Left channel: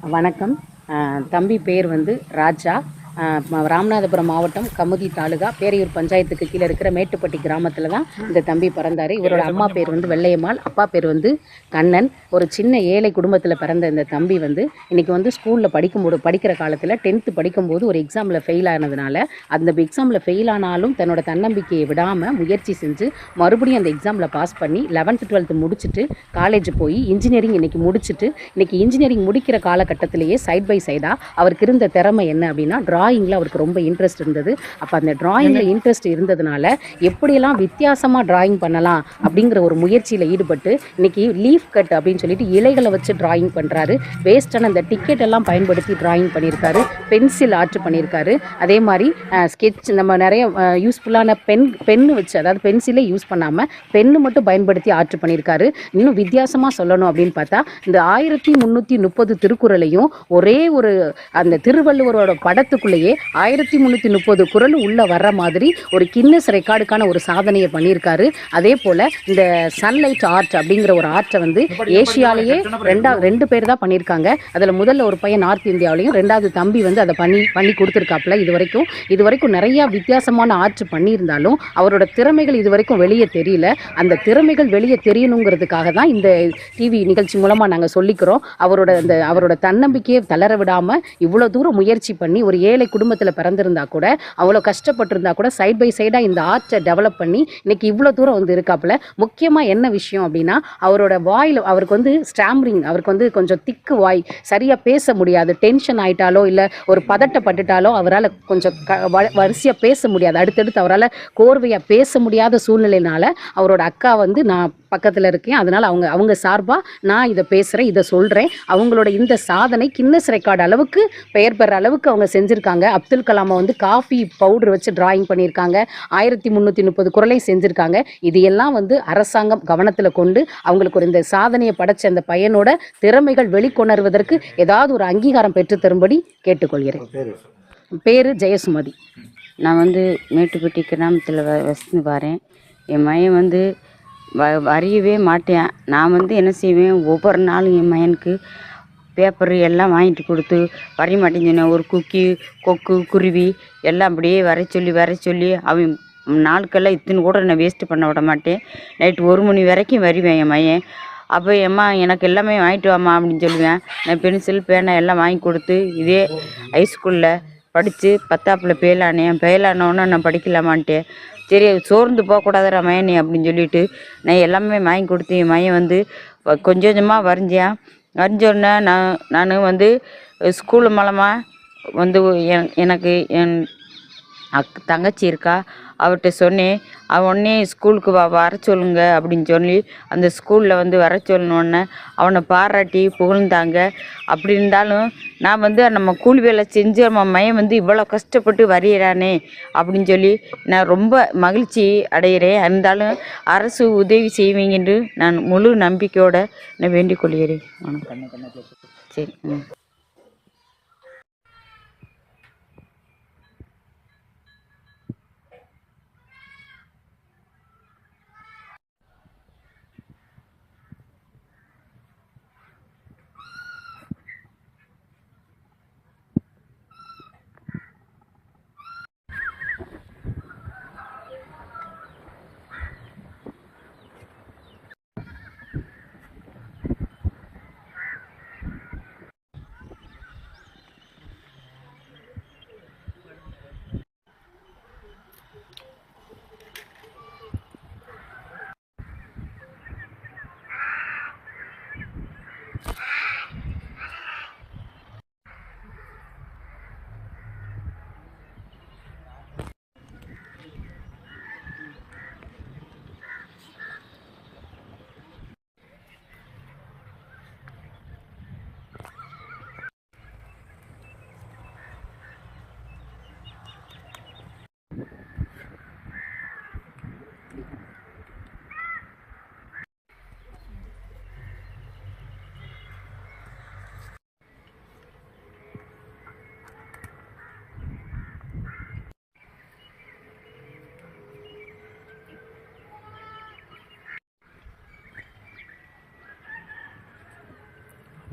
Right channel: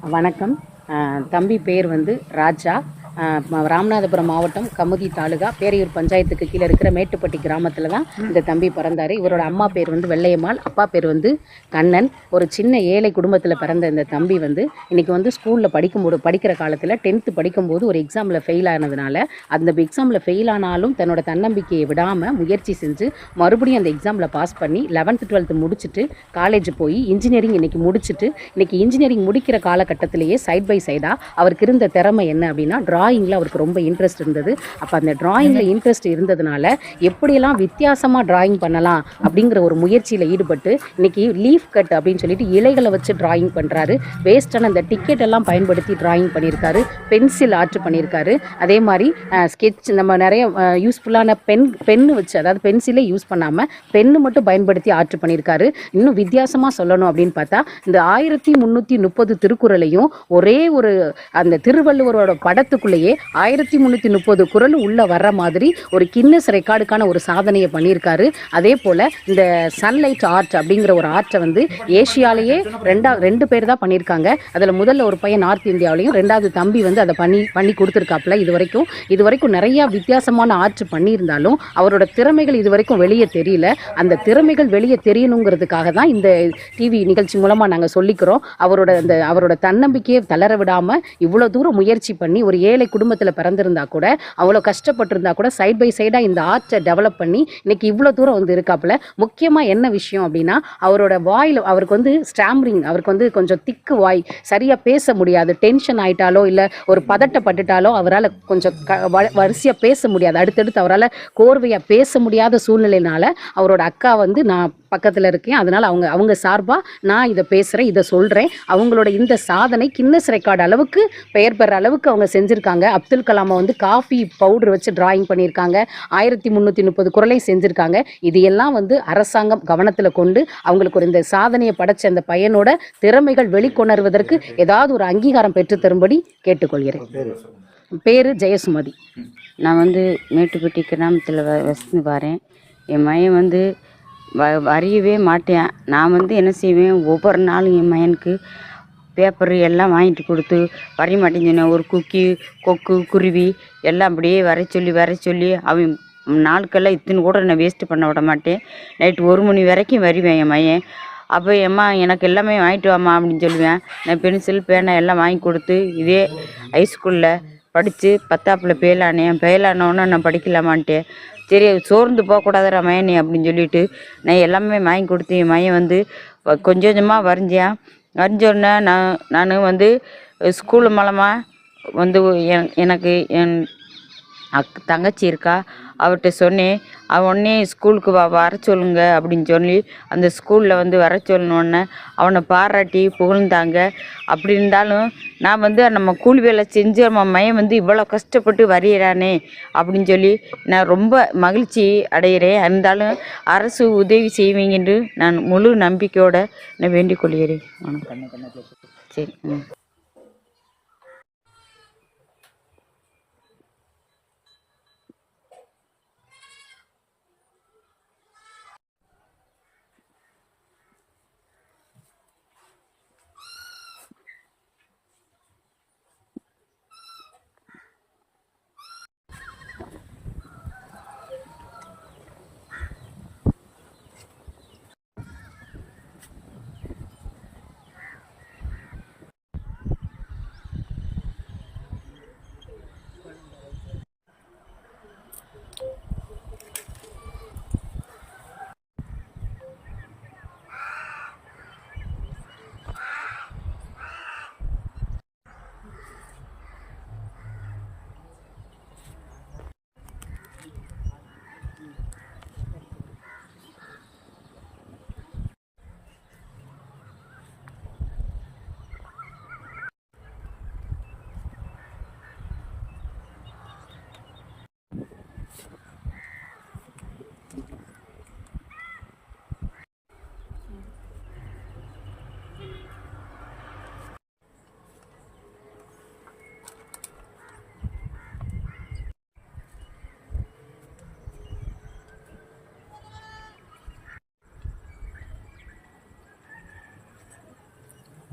வணக்கம். தம்பி பேர் வந்து ராஜா. ராமநாதபுரம் மாவட்டம் கமுதி தாலுகா பேரையூர் பஞ்சாயத்துக்கு கீழே இருக்கிற மேட்டுப்பட்டி கிராமத்தில் தான் இந்த தம்பி பிறந்தார். இவரோட அம்மா பேர் வந்து வெள்ளையம்மாள் அப்பா பேர் வந்து கண்ணன். ஒரு சின்ன ஏழை குடும்பத்தில் பிறந்த இந்த தம்பி வந்து இன்றைக்கி வந்து ஸ்கூலில் படிக்கும்போது படிக்கிற காலத்தில் டென்த்து படிக்கும்போது ஒரு எக்ஸாமில் ஃபெயில் ஆனதுனால அந்த எக்ஸாமில் ஃபெயில் ஆனாலும் தன்னோட தன்னம்பிக்கையை விடாமல் முயற்சி செஞ்சு மறுபடியும் அந்த எக்ஸாமில் பாஸ் பண்ணி லெவன்த்து டுவெல்த்து முடிச்சுட்டு காலேஜ் போய் இன்ஜினியரிங் இன்றைக்கி முடிச்சுட்டு இன்றைக்கி இன்ஜினியரிங் முடிக்கிற காலகட்டத்திலேயே சைட் பை சைடாக அவருக்கு இருந்த திறமை என்ன அப்படின்னா டிராயிங்கில் அவருக்கு ரொம்ப இன்ட்ரெஸ்ட் இருந்தது. அப்போ அந்த டிராயிங்கில் இன்ட்ரெஸ்ட் இருந்ததுனால எப்படியெல்லாம் வித்தியாசமாக டிராயிங் பண்ணலாம் அப்படிங்கிற ஒரு முயற்சியில் ஈடுபட்டு இன்னைக்கு லீஃப் கட் அப்படின்னு சொல்லிட்டு இலைகளை வச்சு டிராயிங் பண்ணுறாரு வேஸ்டான அந்த டிக்கெட் எல்லாம் பயன்படுத்தி டிராயிங் பண்ணியிருக்காரு. பென்சில் ஆர்ட் பண்ணியிருக்காரு. அதே மாதிரி ஸ்கெட்ச் நம்ம நிறைய யூஸ்ஃபுல்லான பென் பென்னு வச்சு அதாவது பென்சிலே யூஸ் பண்ணாமல் பென்னு மட்டும் பயன்படுத்தி ஆர்ட் பண்ணியிருக்காரு. இன்னும் வித்தியாசமாக சொல்லணும் அப்படின்னு பார்த்தா இந்த ஆயிரத்தி முந்நூற்றி முப்பது திருக்குறளையும் ஒரே ஒரு அந்த திருவள்ளுவரோட படத்துக்குள்ளேயே ஆயிரத்தி முந்நூற்றி முப்பது குரல் உள்ளே வர்ற மாதிரி ஒரு கின்னஸ் ரெக்கார்டுக்கான ஒரு சாதனையை பண்ணியிருக்காரு. அதே போல் இந்த சன்லைட் ஆர்ட் அப்படிங்கிற ஒரு ஆர்ட்டை வந்து ஏஷியாலேயே ரெண்டா ரெண்டு பேர் தான் பண்ணியிருக்காங்க. அதில் முதல்ல ஒரு பையன் நார்த் இந்தியாவிலையும் ரெண்டாவது தம்பி வந்து அதை பண்ணி பண்ணி கொடுத்துருக்காப்புல இது வரைக்கும் இது வரைக்கும் நிறைய வித்தியாசமான ஆர்ட் பண்ணியிருந்தாலும் அவரோட திறமைகள் இது வரைக்கும் வெளியே தெரியல. அந்த திறமைகள் வெளியே தெரியணுங்கிறதுக்காக தான் இந்த டிவி நிகழ்ச்சி மூலமாக நாங்கள் சொல்லிக்கிறோம். அவரோட அந்த அவரோட தன்னம்பிக்கையை தளர விடாமல் இவ்வளோ தூரம் முயற்சி பண்ணி ஒரு ஏழை குடும்பத்தில் பிறந்திருந்தா கூட அவ்வளோ கஷ்டப்பட்டிருந்தா கூட சைட் பை சைடாக இந்த ஆர்ட்டை டெவலப் பண்ணி இன்னைக்கு இவ்வளோ தூரம் வந்து இருக்காப்புல. முக்கியமாக என்ன விஷயம் அப்படின்னா அவரோட வாயில் அவருக்கு வந்து ஸ்டாம்ரிங் அவருக்கு வந்து கொஞ்சம் திக்கு வாய் சரியாக பேச முடியாது. டென்ஷன் ஆயிட்டாலோ இல்லை ஒரு பதட்டப்பட்டுட்டாலோ அவரால் கொஞ்சம் க வரிசையாக பேச முடியாது. அடுத்தடுத்து அவரால் கோர்வையாக பேச முடியாத சூழ்நிலையினால அவரோட அக்கா வந்து நான் பக்கத்தில் இருக்கேன். அதனால் அவங்க அவங்க சார்பாக நான் இதை பேசுகிறேன் இதை சொல்கிறேன் அவங்களோட இந்த சாதனை கின்னஸ் ரெக்கார்டு அளவுக்கு பெயர் பெற அளவுக்கு அவங்க செஞ்சுருக்காங்க. அப்துல் கலாமை வந்து காஃபி பவுடர் வச்சு டிராயிங் பண்ணியிருக்காங்க ஆயிரத்தி முந்நூற்றி முப்பது குரலை செஞ்சுருக்காங்க. இது எல்லாம் வந்து அரசாங்கம் கவனத்தில் கொண்டு அவங்களுக்கு ஒரு இந்த சாதனையை படைச்ச அந்த பையனோட திறமைகள் வெளிக்கொணர்வதற்கு ஏதாவது ஒரு அங்கீகாரம் பெற்று தரும்படி கேட்டுக்கொள்கிறேன். பேர் ஜெயசுமதி. நான் வந்து மேட்டுப்பட்டி கிராமத்தில் வ வசித்து வரேன். என் மகன் வந்து வ வரையவே மாட்டேன். நான் வந்து என்ன செய்வேன்? ஒவ்வொரு நாளும் என் மகனுக்கு பேப்பரு எல்லாம் வாங்கிட்டு கொடுத்து வரைய மாட்டேன்னு சொன்னேன். ஒரு குக்கி கொக்கு குருவி எல்லாம் அப்படியே வரைய சொல்லி வரைய சொல்லி அவன் நாளுக்கெல்லாம் இத்தனை கூட நான் வேஸ்ட்டு பண்ண விட மாட்டேன். நைட்டு ஒரு மணி வரைக்கும் வரைவேன் என் மகன். அப்போ எம்மா எனக்கு எல்லாமே வாங்கிட்டு வாம்மா அப்படின்னு சொல்லுவேன். நான் பென்சில் பேனா எல்லாம் வாங்கி கொடுத்து இதே ஹைஸ்கூலில் படித்து பத்தாப்பில் ஃபெயிலானேன் ஃபெயிலானோன்னே நான் படிக்கலாமான்ட்டேன். சரி சோர்ந்து போகக்கூடாதுடா மயனி அப்படின்னு சொல்லிட்டு நான் எல்லாமே வாங்கி கொடுத்தேன் மயன் வந்து கொஞ்சம் கொஞ்சமாக வரைஞ்சேன். வரைஞ்சோடனே நான் நான் வந்து ஸ்கூல் மூலமாக வந்து எனக்கு என் அக் தங்கச்சி இருக்கா அவர்கிட்ட சொன்னேன் அவன் உடனே ஸ்கூலுக்கு வா வர சொல்லுங்க அப்படின்னு சொல்லி அந்த ஸ்கூலில் வந்து வர சொல்லணுன்னே அவனை பாராட்டி புகழ்ந்தாங்க. அப்படி இருந்தாலும் நான் வந்து நம்ம கூலி வேலை செஞ்சு நம்ம மையம் வந்து இவ்வளோ கஷ்டப்பட்டு வரைகிறானே அப்படின்னு சொல்லி நான் ரொம்ப மகிழ்ச்சி அடைகிறேன் இருந்தாலும் அரசு உதவி செய்வீங்கன்னு நான் முழு நம்பிக்கையோடு நான் வேண்டிக் கொள்கிறேன். சரி ம்.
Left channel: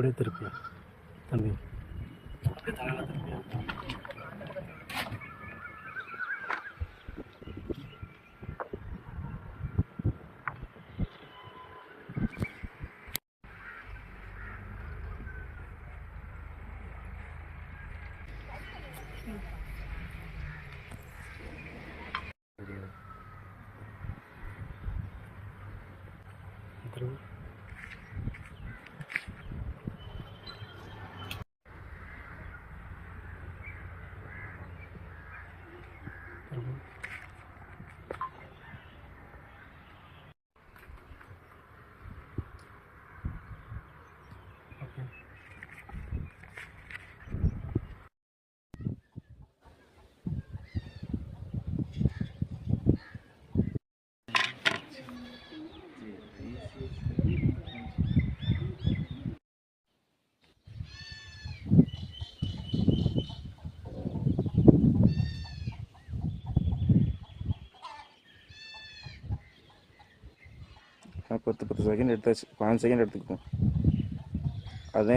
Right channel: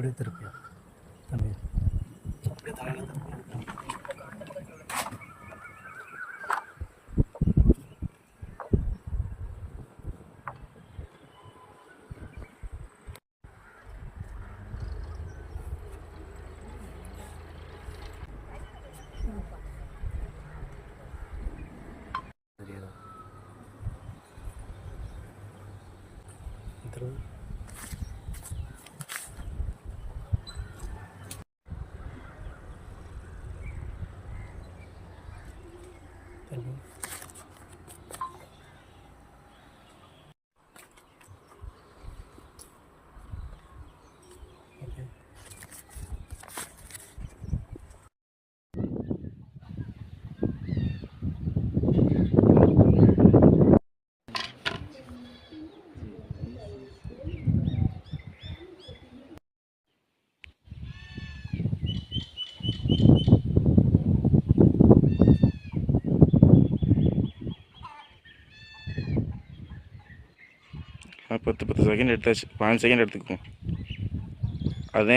அப்படியே திருப்பி தம்பி Thank you. பத்து பத்து செகண்ட் எடுத்தாச்சு. பாஞ்சு செகண்ட் எடுத்துக்கும் அதே